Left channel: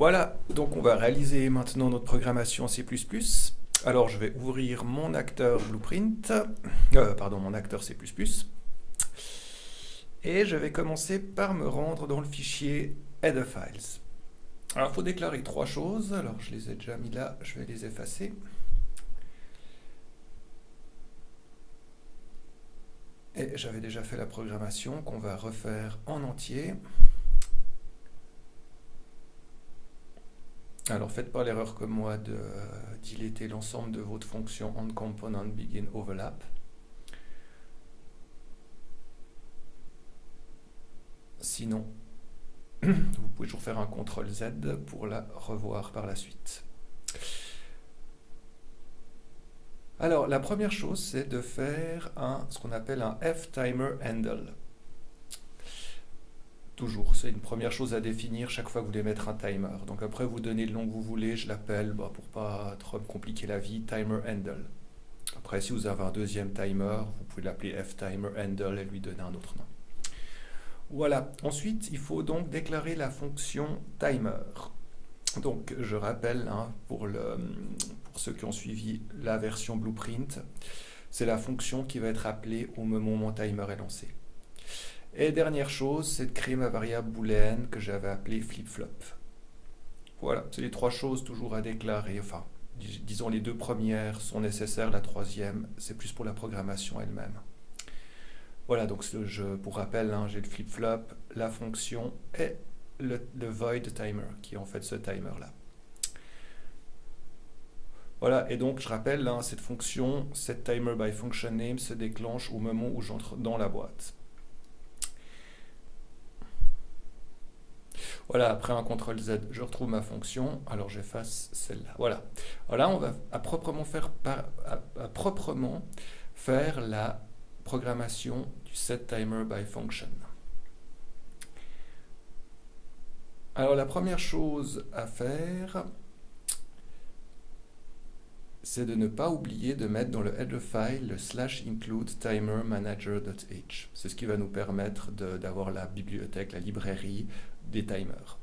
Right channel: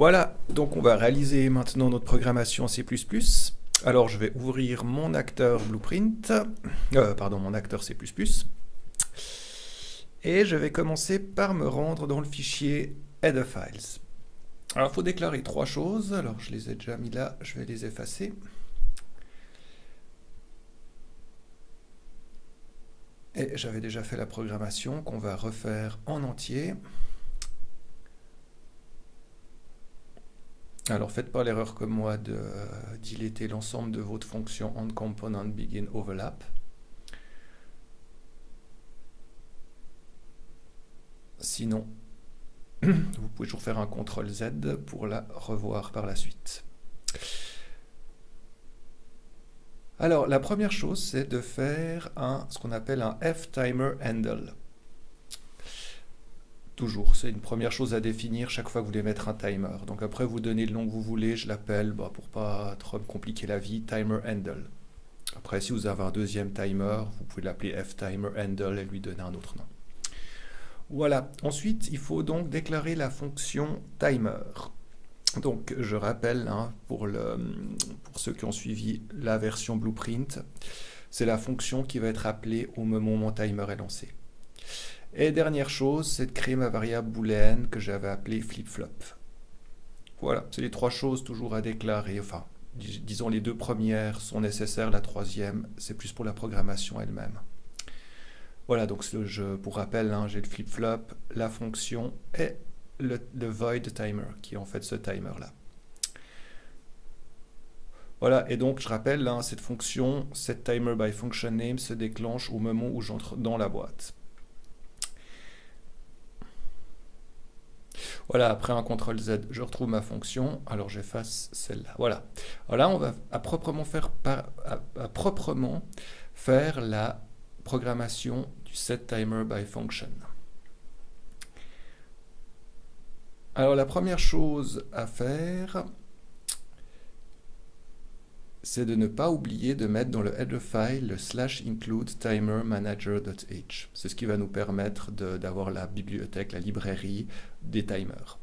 Voilà, donc on va réaliser maintenant notre programmation en C++. Alors je vais ouvrir mon acteur Blueprint, pardon, mon acteur C++, et je vais commencer par me rendre dans le fichier headerfiles. Alors il faut déclarer trois choses, alors je les ai déjà mis là, je vais les effacer. Et j'avais déjà fait la programmation qu'on va refaire en entier. Alors faites pas l'erreur comme moi de dilater l'ensemble de votre fonction onComponentBeginOverlap. Sinon, vous pouvez toujours faire un CTRL-Z pour la revoir par la suite. Alors, la première chose, c'est de faire ce qu'on appelle un fTimerHandle. Toujours, c'est une première chose à définir chaque fois que vous voulez mettre un timer. Donc après, vous donnez le nom que vous voulez, je l'appelle, pour pas trop me compliquer la vie, timerHandle. Après, si vous avez un deuxième timer, vous pouvez l'appeler fTimerHandle et lui donner un autre nom. Voilà, ensuite, il faut donc déclarer la fonction timer. Donc, je rappelle, pour ceux qui ont suivi la version Blueprint, c'est la fonction qui va être appelée au moment où mon timer est lancé. Et dernière chose, c'est de créer ma variable booléenne que j'avais appelée flip-flop. Voilà, c'est les trois choses toujours à déclarer. Enfin, disons les deux premières sont nécessaires, la troisième, c'est plus pour la programmation elle-même. Voilà, donc pour rappel, j'ai le flip-flop, la fonction et le void timer, qui est en fait ce timer-là. Voilà, et donc je rappelle, cette fonction, setTimerByFunctionName, se déclenche au moment où j'entre dans la boîte. Voilà, après un CTRL-Z, je retrouve ma fonction, alors j'efface celle-là. Voilà. Alors là, on va proprement faire la programmation du setTimerByFunction. Alors la première chose à faire, c'est de ne pas oublier de mettre dans le header file le /include timerManager.h. C'est ce qui va nous permettre d'avoir la bibliothèque, la librairie des timers.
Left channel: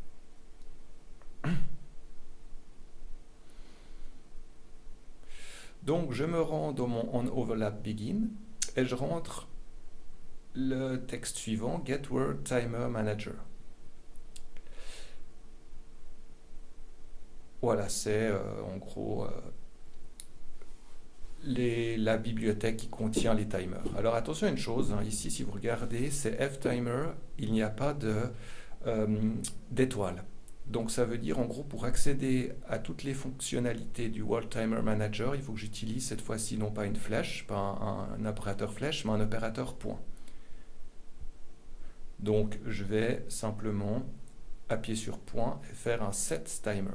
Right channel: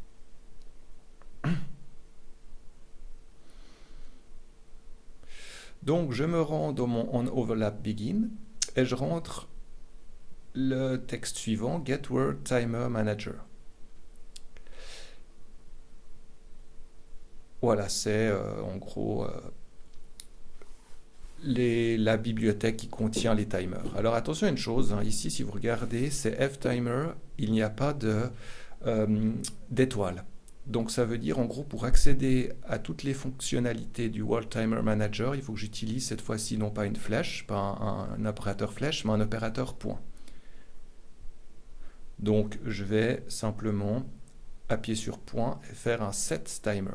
Donc je me rends dans mon onOverlapBegin et je rentre le texte suivant, getWordTimerManager. Voilà, c'est en gros la bibliothèque qui contient les timers. Alors attention à une chose, ici si vous regardez, c'est fTimer, il n'y a pas d'étoile. Donc ça veut dire en gros pour accéder à toutes les fonctionnalités du World Timer Manager, il faut que j'utilise cette fois-ci non pas une flèche, pas un opérateur flèche, mais un opérateur point. Donc je vais simplement appuyer sur point et faire un setTimer.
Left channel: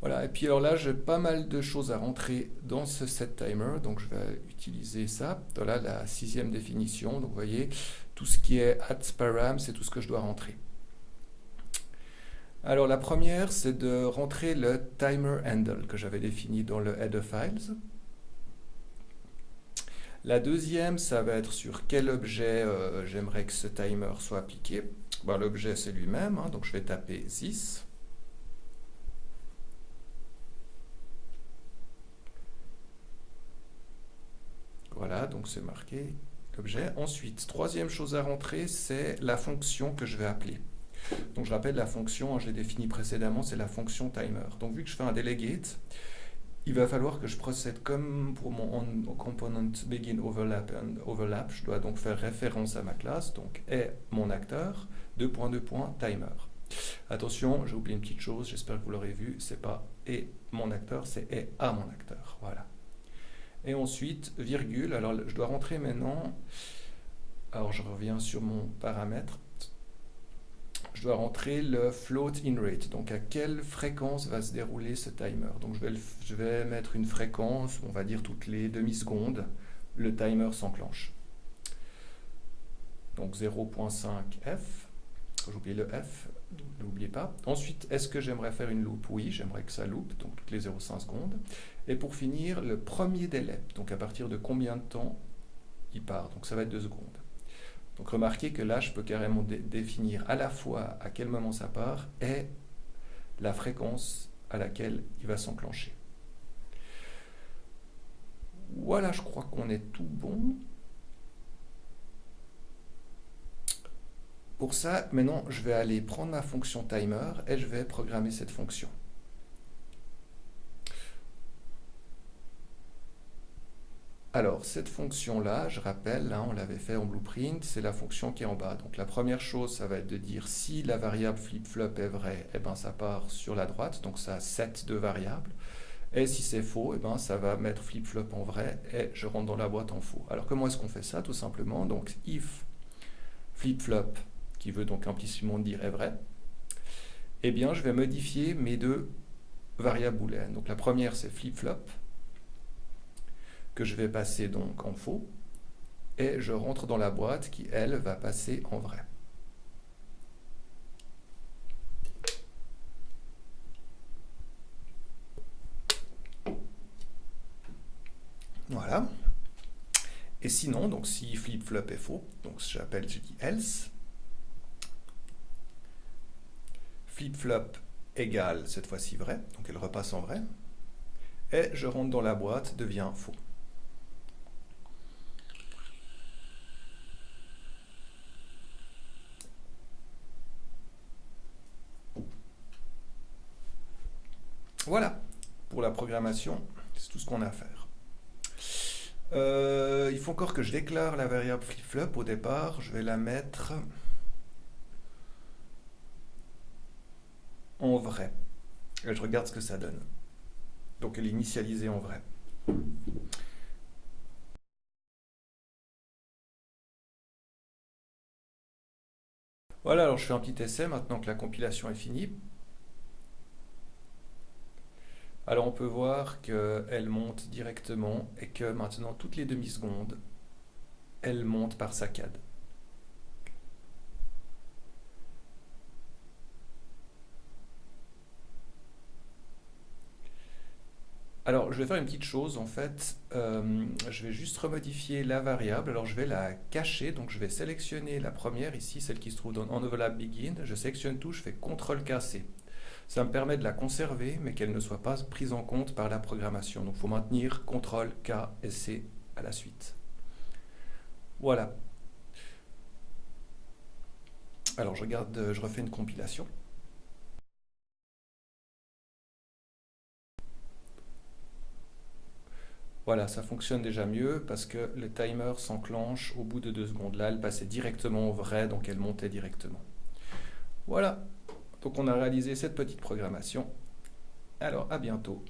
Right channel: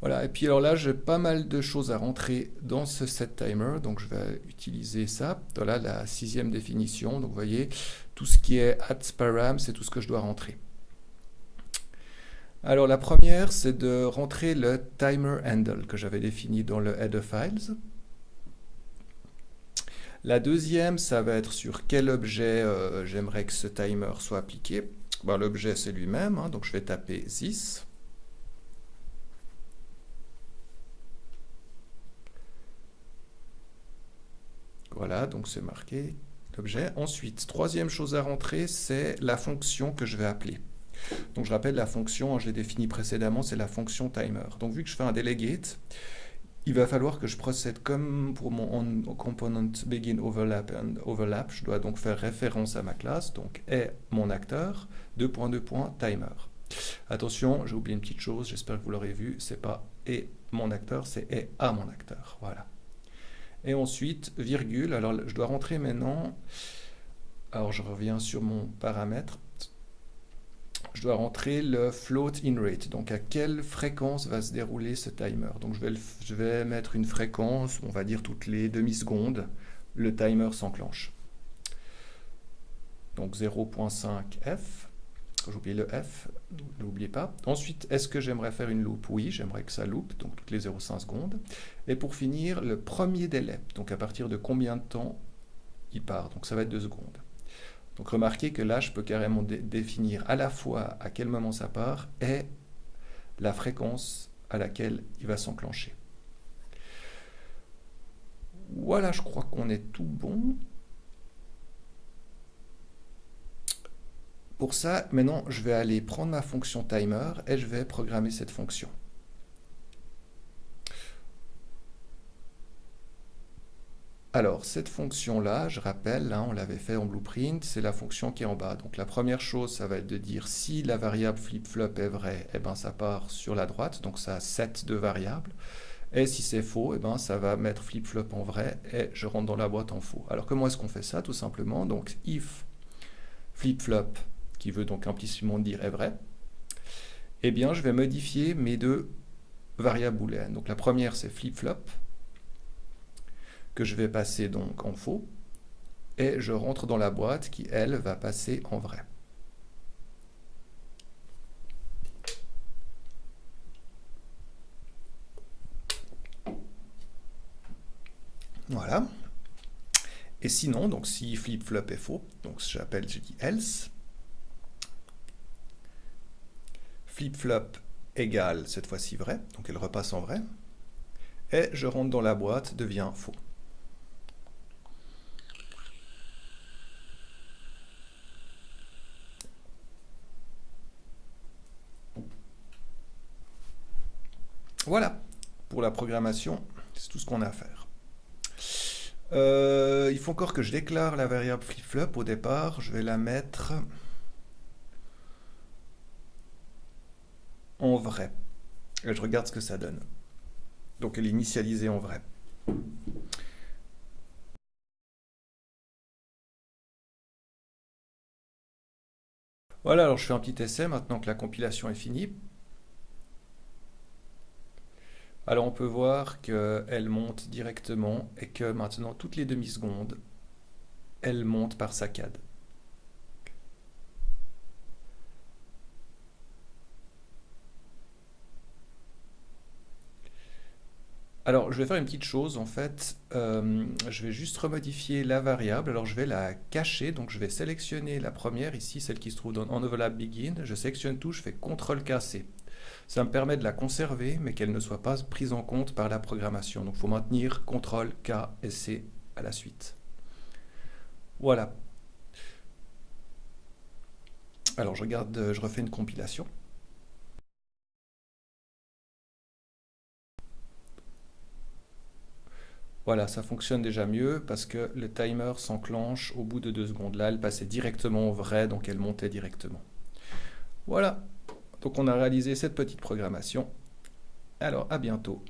Voilà, et puis alors là, j'ai pas mal de choses à rentrer dans ce setTimer, donc je vais utiliser ça. Voilà la sixième définition, donc vous voyez, tout ce qui est @param, c'est tout ce que je dois rentrer. Alors la première, c'est de rentrer le timerHandle que j'avais défini dans le headerfiles. La deuxième, ça va être sur quel objet j'aimerais que ce timer soit appliqué. L'objet, c'est lui-même, donc je vais taper this. Voilà, donc c'est marqué l'objet. Ensuite, troisième chose à rentrer, c'est la fonction que je vais appeler. Donc je rappelle la fonction, je l'ai définie précédemment, c'est la fonction timer. Donc vu que je fais un delegate, il va falloir que je procède comme pour mon onComponentBeginOverlap. Je dois donc faire référence à ma classe, donc est mon acteur, :timer. Attention, j'ai oublié une petite chose, j'espère que vous l'aurez vu, c'est pas est mon acteur, c'est est à mon acteur. Voilà. Et ensuite, virgule, alors je dois rentrer maintenant, alors je reviens sur mon paramètre, je dois rentrer le float in rate, donc à quelle fréquence va se dérouler ce timer. Donc je vais mettre une fréquence, on va dire toutes les demi-secondes, le timer s'enclenche. Donc 0.5 f, j'ai oublié le f, n'oubliez pas. Ensuite, est-ce que j'aimerais faire une loop? Oui, j'aimerais que ça loupe, donc toutes les 0,5 secondes. Et pour finir, le premier délai, donc à partir de combien de temps il part, donc ça va être 2 secondes. Donc remarquez que là, je peux carrément définir à la fois à quel moment ça part et la fréquence à laquelle il va s'enclencher. Voilà, je crois qu'on est tout bon. Pour ça, maintenant, je vais aller prendre ma fonction timer et je vais programmer cette fonction. Alors, cette fonction-là, je rappelle, hein, on l'avait fait en blueprint, c'est la fonction qui est en bas. Donc la première chose, ça va être de dire si la variable flip-flop est vraie, eh ben, ça part sur la droite, donc ça a set de variables. Et si c'est faux, eh ben, ça va mettre flip-flop en vrai et je rentre dans la boîte en faux. Alors comment est-ce qu'on fait ça? Tout simplement, donc if flip-flop, qui veut donc implicitement dire est vrai, eh bien je vais modifier mes deux variables booléennes. Donc la première c'est flip-flop, que je vais passer donc en faux, et je rentre dans la boîte qui, elle, va passer en vrai. Voilà. Et sinon, donc si flip-flop est faux, donc je dis else, flip-flop égale cette fois-ci vrai, donc elle repasse en vrai, et je rentre dans la boîte, devient faux. Voilà, pour la programmation, c'est tout ce qu'on a à faire. Il faut encore que je déclare la variable flip-flop. Au départ, je vais la mettre en vrai. Et je regarde ce que ça donne. Donc elle est initialisée en vrai. Voilà, alors je fais un petit essai maintenant que la compilation est finie. Alors on peut voir qu'elle monte directement et que maintenant toutes les demi-secondes, elle monte par saccades. Alors je vais faire une petite chose en fait, je vais juste remodifier la variable, alors je vais la cacher, donc je vais sélectionner la première ici, celle qui se trouve en envelope begin, je sélectionne tout, je fais CTRL-K-C. Ça me permet de la conserver, mais qu'elle ne soit pas prise en compte par la programmation. Donc il faut maintenir CTRL, K et C à la suite. Voilà. Alors je regarde, je refais une compilation. Voilà, ça fonctionne déjà mieux parce que le timer s'enclenche au bout de 2 secondes. Là, elle passait directement au vrai, donc elle montait directement. Voilà, donc on a réalisé cette petite programmation. Alors à bientôt.